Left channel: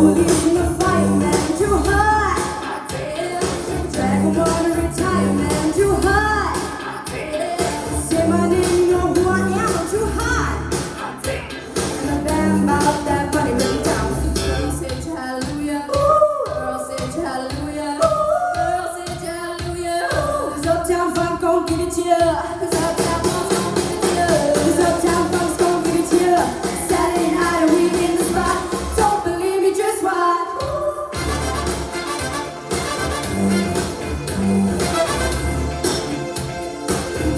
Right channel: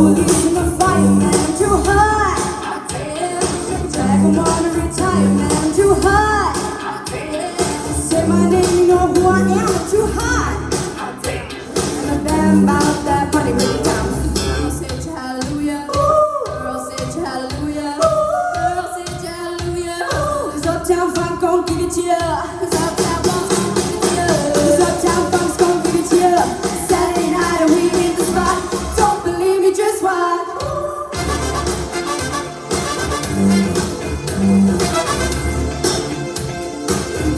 police in a fireman too high. Dragon on a retirement too high. Say my name, you know who I am, I'm too high. And a damn about that money way down. Girl, say hallelujah. Girl, say hallelujah. Girl, say hallelujah. 'Cause Uptown Funk gon' give it to ya. 'Cause Uptown Funk's gon' give it to ya. 'Cause Uptown Funk's gon' give it to ya. Saturday night and we in the spot. Don't believe me, just watch.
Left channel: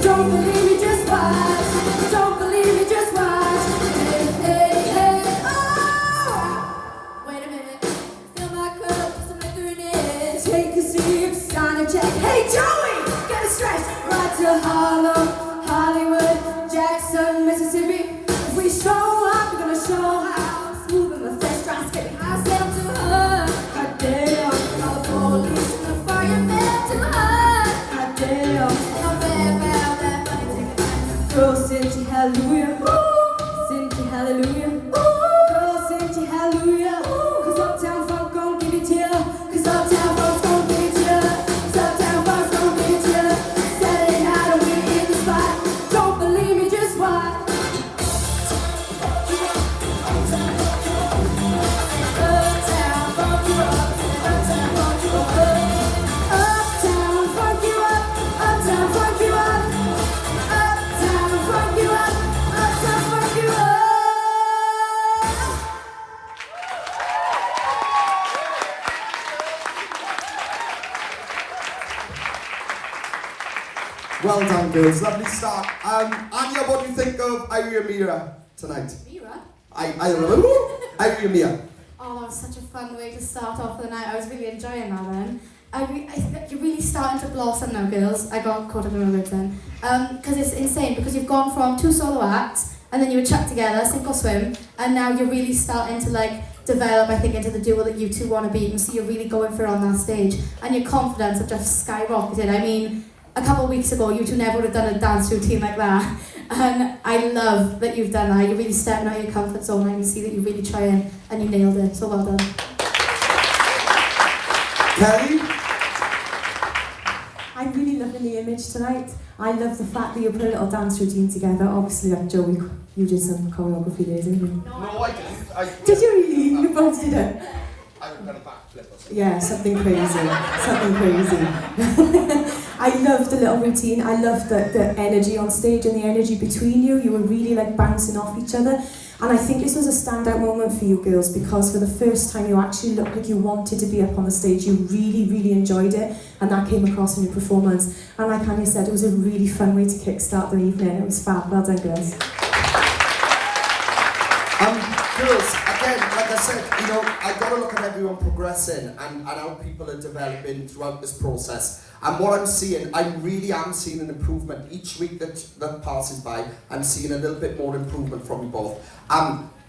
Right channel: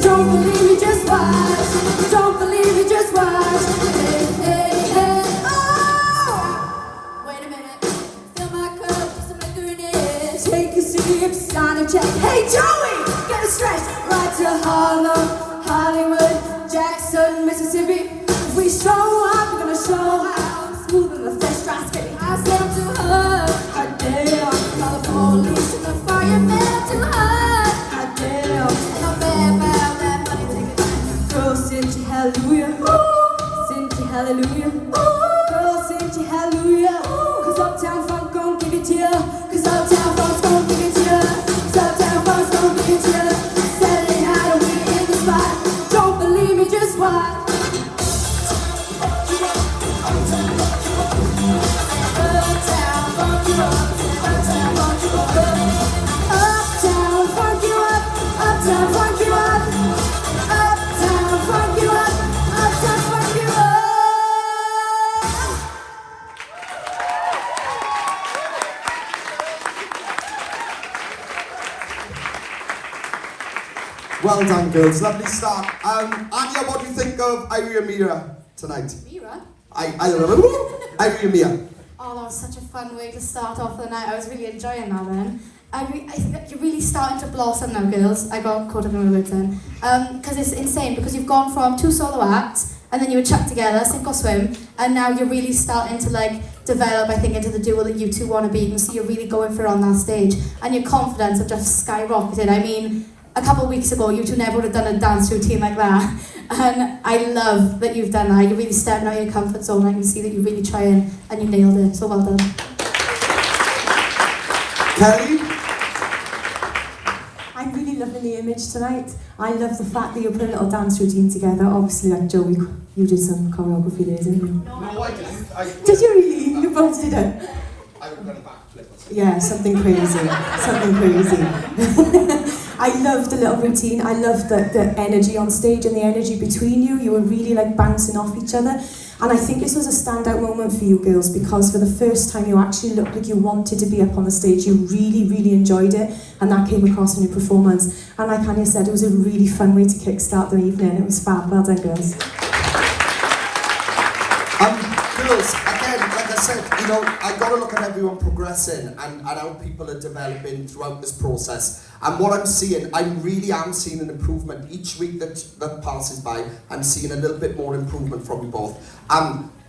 Don't believe me, just watch. Don't believe me, just watch. Hey, hey, oh! Wait a minute. Fill my cup, some liquor in it. Take a sip, sign a check. Hey, Joey, get a stretch. Right to Harlem, Hollywood, Jackson, Mississippi. If we show up, we're gonna show how smooth and the fresh dry skin. I said to her, hot damn, call the police and the fireman too high. Hot damn, oh bad, bad, bad, bad. Girl, sing to hallelujah. Sing to hallelujah. Girl, sing to hallelujah. 'Cause Uptown Funk gon' give it to ya. 'Cause Uptown Funk's gon' give it to ya. 'Cause Uptown Funk's gon' give it to ya. Saturday night and we in the spot. Don't believe me, just watch. Well done, girls. Lovely start. Anya, what do you think of Eiry and Mira tonight? Mira? Eiry and Mira. Oh, that was such a fun way to start off the night. I was really enjoying that then. I think you're really starting to blossom now, girls. I got caught up in my words then. Because it's insane, because you've gone from 2 solo acts, and then you were chucked together, sink or swim, and now you're really starting to develop, I think, into the duo that you two want to be. You can see you're really going for it on that stage, and your confidence have just skyrocketed. I mean, a couple of weeks ago, you two never would have done a dance routine like that. And I love that you've done that. You're really stepping out of your comfort zone. I can see that you're really trying, and you nailed it. So well done. Kelly? I'm really loving the image tonight. I love the fact that you put a little dance routine together. Obviously, like Joey, you did some choreography there, didn't you? No, I didn't. Did you really? You both did it? I've done a backflip or something. Yeah, something crazy. Something crazy. I loved the little routine. I loved the energy on stage and the energy between you. You were really bouncing off each other. And I think this was a standout moment for you girls, because for the first time you actually looked like you wanted to be up on the stage. You really, really enjoyed it, and that came across in your performance. And like Annie said, it was a really fun way to kickstart the evening. It was fab. Well done, girls. Girls, again, like I said, I got to look at everyone progressing and how people are developing throughout this process. And what I'm seeing, I really am seeing an improvement each week that passes by. I'm seeing a little bit more improvement from you both.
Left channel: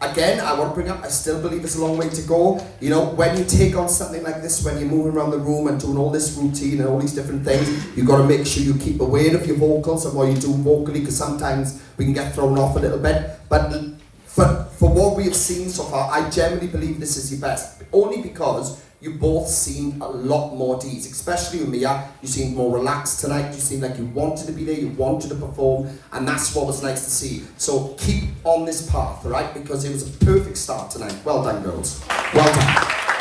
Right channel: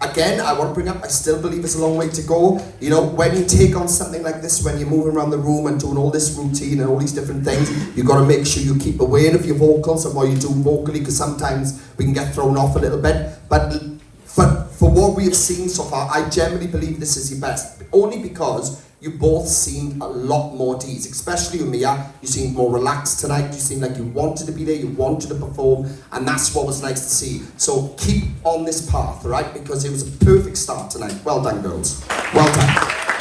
Again, I want to bring up, I still believe there's a long way to go. When you take on something like this, when you're moving around the room and doing all this routine and all these different things, you've got to make sure you keep aware of your vocals and what you do vocally, because sometimes we can get thrown off a little bit. But for what we have seen so far, I generally believe this is your best. Only because you both seem a lot more at ease, especially you, Mia. You seem more relaxed tonight. You seem like you wanted to be there, you wanted to perform, and that's what was nice to see. So keep on this path, right? Because it was a perfect start tonight. Well done, girls. Well done.